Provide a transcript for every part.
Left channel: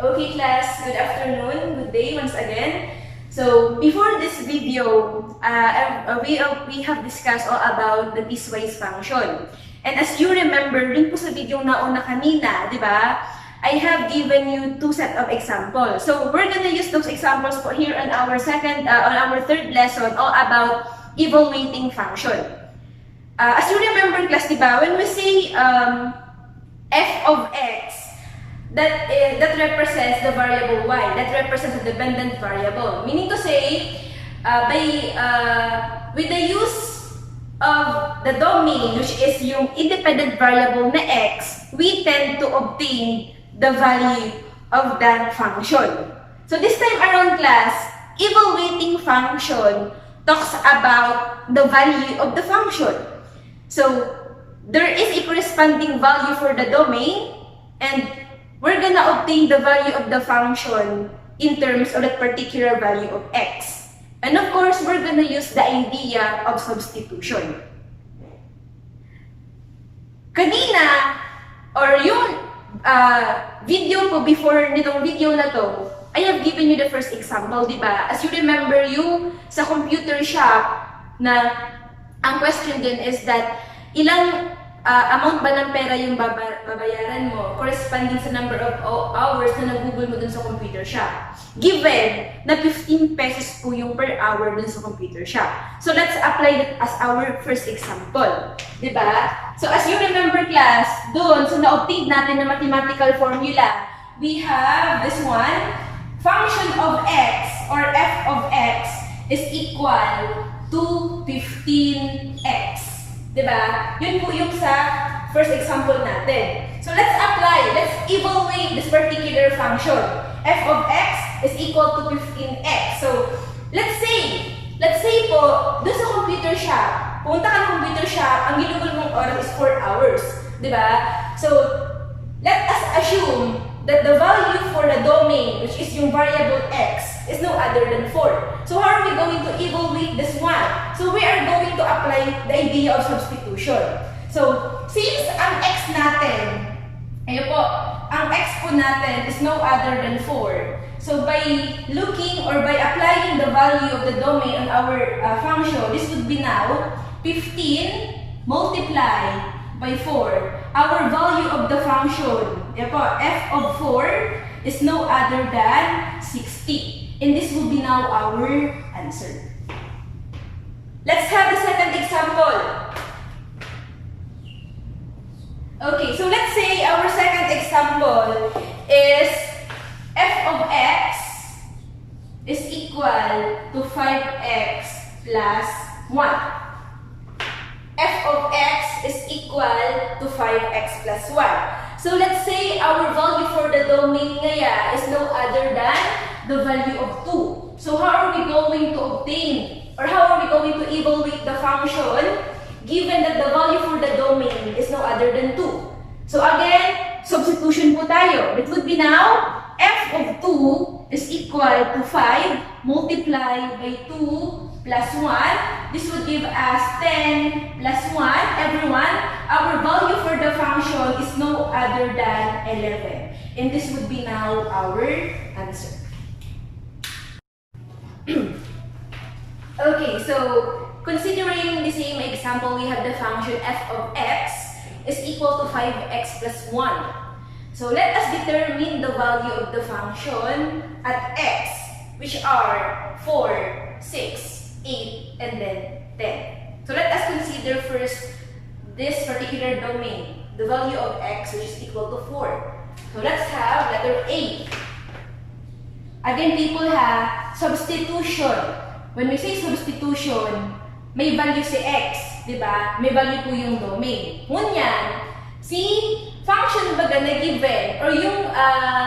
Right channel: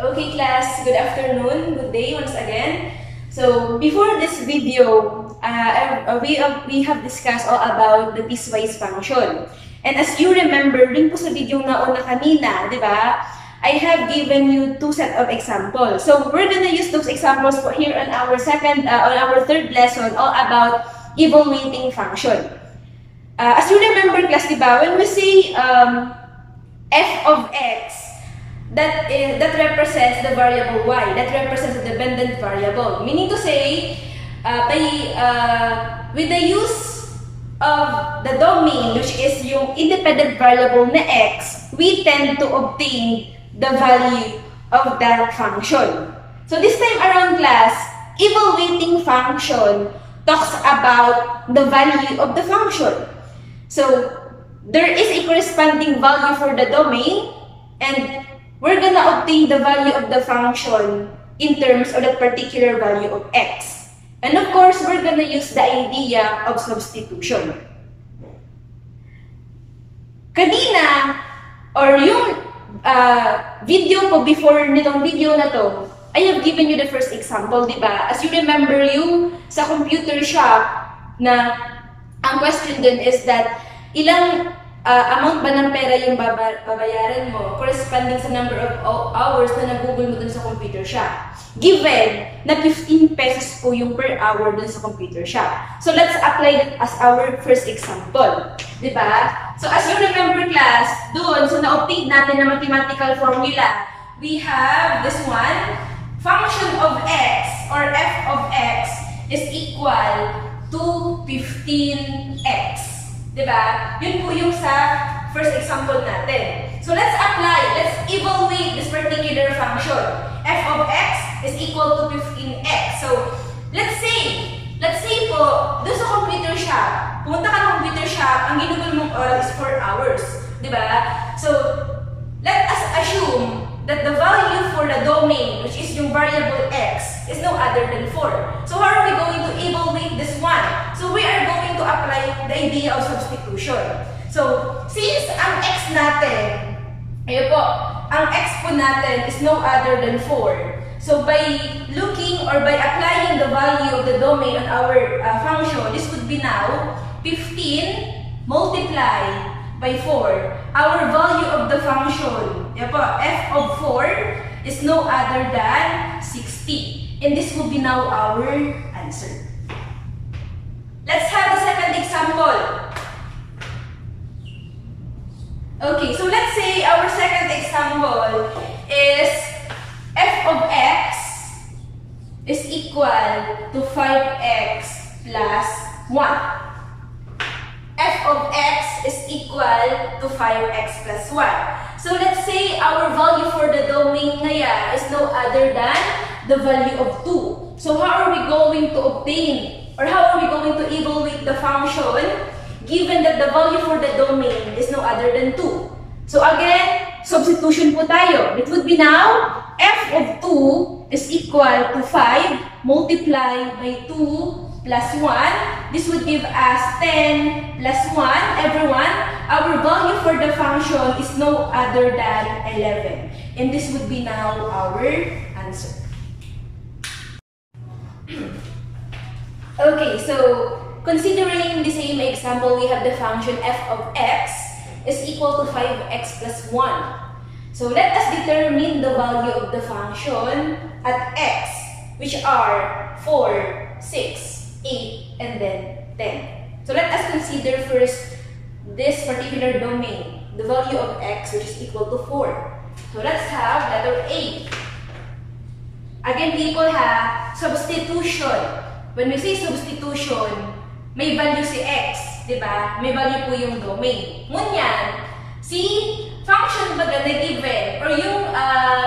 Okay class, good afternoon, good day once again. So before this video, we have discussed all about the piecewise function. And as you remember, dun po sa video na una kanina, di ba? I have given you two set of examples. So we're gonna use those examples for here on our third lesson all about evaluating function. As you remember class, di ba? When we say f of x, that represents the variable y, that represents the dependent variable. Meaning to say, with the use of the domain, which is yung independent variable na x, we tend to obtain the value of that function. So this time around class, evaluating function talks about the value of the function. So there is a corresponding value for the domain, and we're gonna obtain the value of the function in terms of that particular value of x. And of course, we're gonna use the idea of substitution. Kanina, or yung video po before nitong video na to, I have given you the first example, di ba? As you remember, yung sa computer shop na ang question dun is that ilang amount ba ng pera yung babayaran mo corresponding sa number of hours na nagugol mo dun sa computer shop. Given na 15 pesos po yung per hour dun sa computer shop. So let's apply that as our first example. Diba? So as you remember class, dun sa na-obtain natin na mathematical formula, we have this one. Function of x or f of x is equal to 15x. Diba? Yun po yung sa first example natin. So let's apply, let's evaluate this particular function. F of x is equal to 15x. So let's say po, doon sa computer shop, pumunta ka ng computer shop, ang ginugol mong oras is 4 hours. Diba? So let us assume that the value for the domain, which is yung variable x, is no other than 4. So how are we going to evaluate this one? So we are going to apply the idea of substitution. So since ang x natin, ayun po, ang x po natin is no other than 4. So by looking or by applying the value of the domain on our function, this would be now 15 multiplied by 4. Our value of the function, f of 4 is no other than 60. And this will be now our answer. Let's have the second example. Okay, so let's say our second example is f of x is equal to 5x plus 1. F of x is equal to 5x plus 1. So let's say our value for the domain ngayon is no other than the value of 2. So how are we going to obtain, or how are we going to evaluate the function given that the value for the domain is no other than 2? So again, substitution po tayo. It would be now f of 2 is equal to 5 multiplied by 2 plus 1. This would give us 10 plus 1. Everyone, our value for the function is no other than 11. And this would be now our answer. Okay, so considering the same example, we have the function f of x is equal to 5x plus 1. So let us determine the value of the function at x, which are 4, 6, 8, and then 10. So let us consider first this particular domain, the value of x, which is equal to 4. So let's have letter A. Again, people have substitution. When we say substitution, may value si x, di ba? May value po yung domain. Ngunyan, si function baga na given, or yung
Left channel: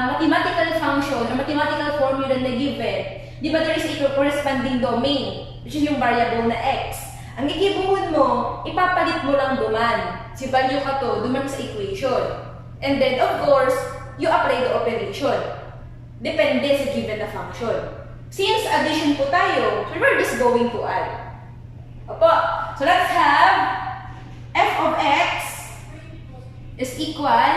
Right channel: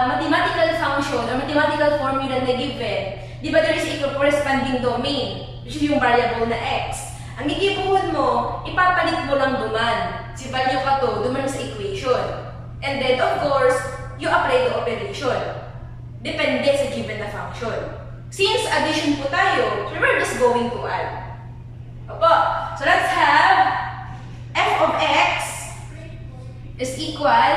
mathematical function, or mathematical formula na given, di ba there is a corresponding domain, which is yung variable na x. Ang gigibuhon mo, ipapalit mo lang duman. Si value ka to, duman sa equation. And then, of course, you apply the operation. Depende sa given na function. Since addition po tayo, so we're just going to add. Opo. So let's have f of x is equal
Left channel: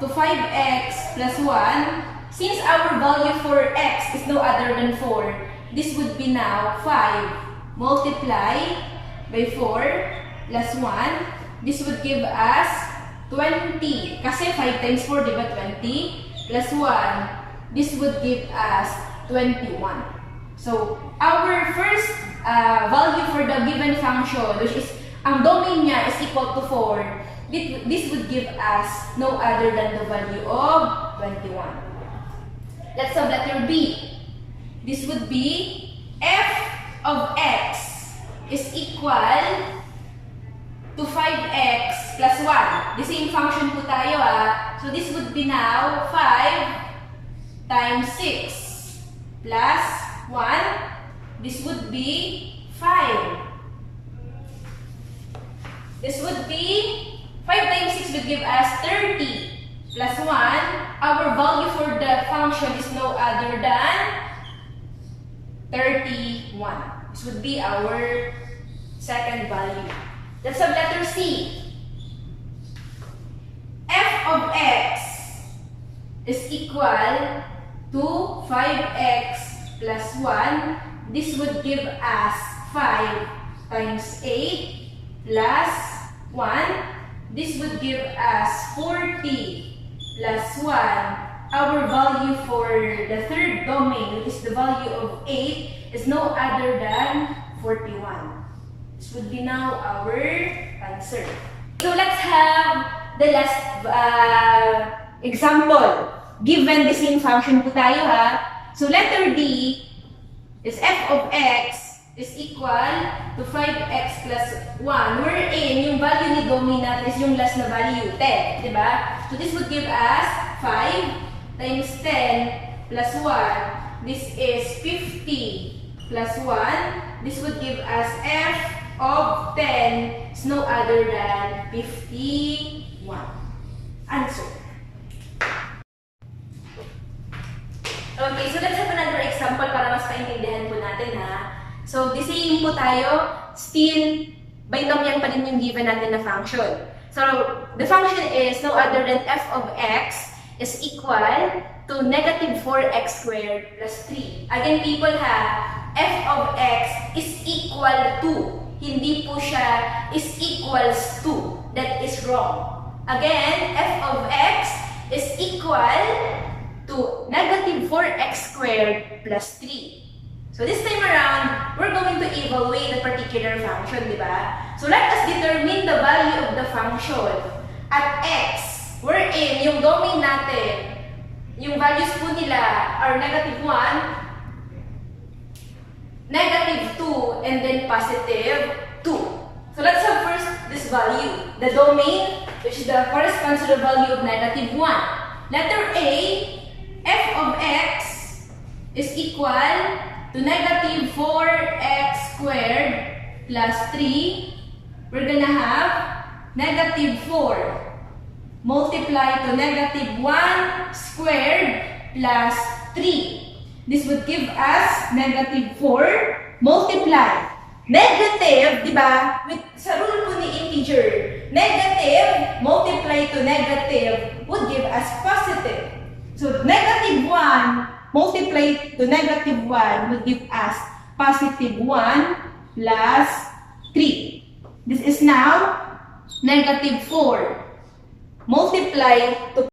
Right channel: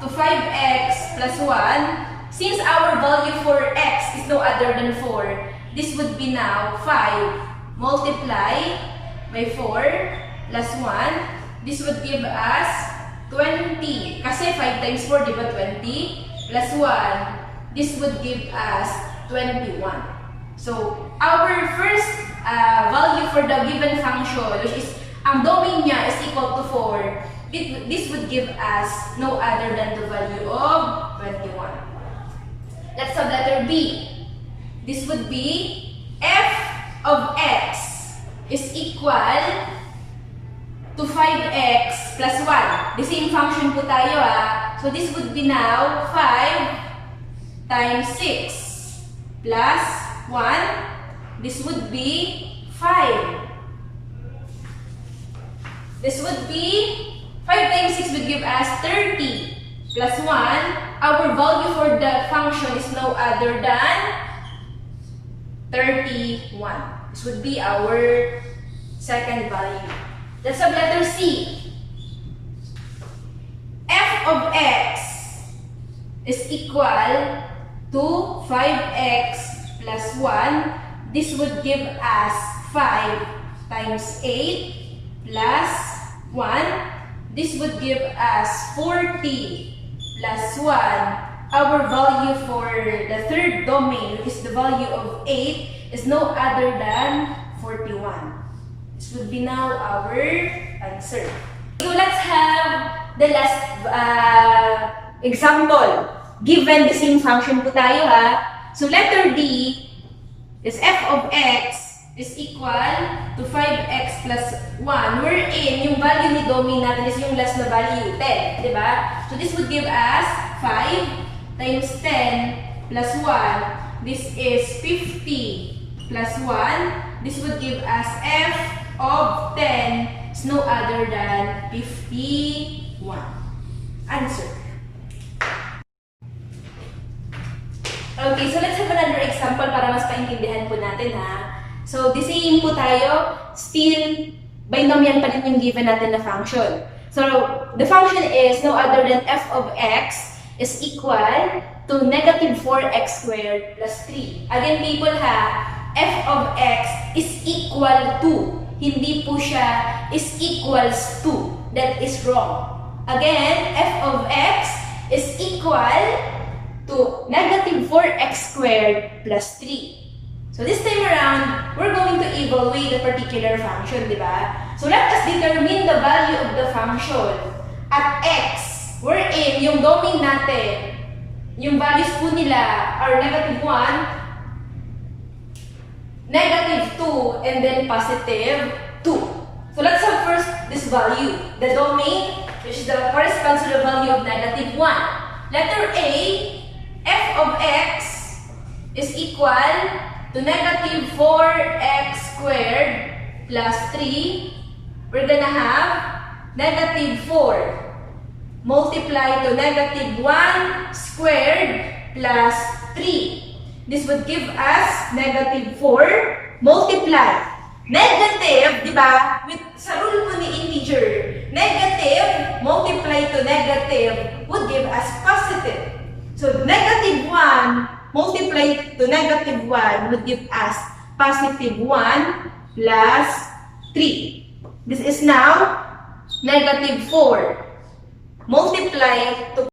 to 5x plus 1 since our value for x is no other than 4, this would be now 5 multiply by 4 plus 1. This would give us 20. Kasi 5 times 4, di ba 20? Plus 1. This would give us 21. So, our first value for the given function, which is, ang domain niya is equal to 4, this would give us no other than the value of 21. Let's have letter B. This would be f of x is equal to 5x plus 1. The same function po tayo So, this would be now 5 times 6 plus 1. This would be 5. This would be 5 times 6 would give us 30 plus 1. Our value for the function is no other than 31. This would be our second value. Let's have letter C. F of x is equal to 5x plus 1. This would give us 5 times 8 plus 1. This would give us 40 plus 1. Our value for the third domain, which is the value of 8, is no other than 41. This would be now our answer. So let's have the last example. Given the same function po tayo So letter D is f of x is equal to 5x plus 1, wherein yung value ni domain natin is yung last na value, 10, di ba? So this would give us 5 times 10 plus 1. This is 50 plus 1. This would give us f of 10 is no other than 51. Answer. Okay, so let's have another example para mas paintindihan po natin So, the same po tayo, still, binomial pa rin yung given natin na function. So, the function is no other than f of x is equal to negative 4x squared plus 3. Again, people f of x is equal to. Hindi po siya is equals to. That is wrong. Again, f of x is equal to negative 4x squared plus 3. So this time around, we're going to evaluate the particular function, di ba? So let us determine the value of the function at x, wherein yung domain natin, yung values po nila are negative 1, negative 2, and then positive 2. So let's have first this value, the domain, which is the corresponds to the value of negative 1. Letter A, f of x is equal to negative 4x squared plus 3, we're gonna have negative 4 multiply to negative 1 squared plus 3. This would give us negative 4 multiply. Negative, di ba? Sa rule po ni integer, negative multiply to negative would give us positive. So, negative 1 multiply to negative 1 would give us positive 1 plus 3. This is now negative 4 multiply to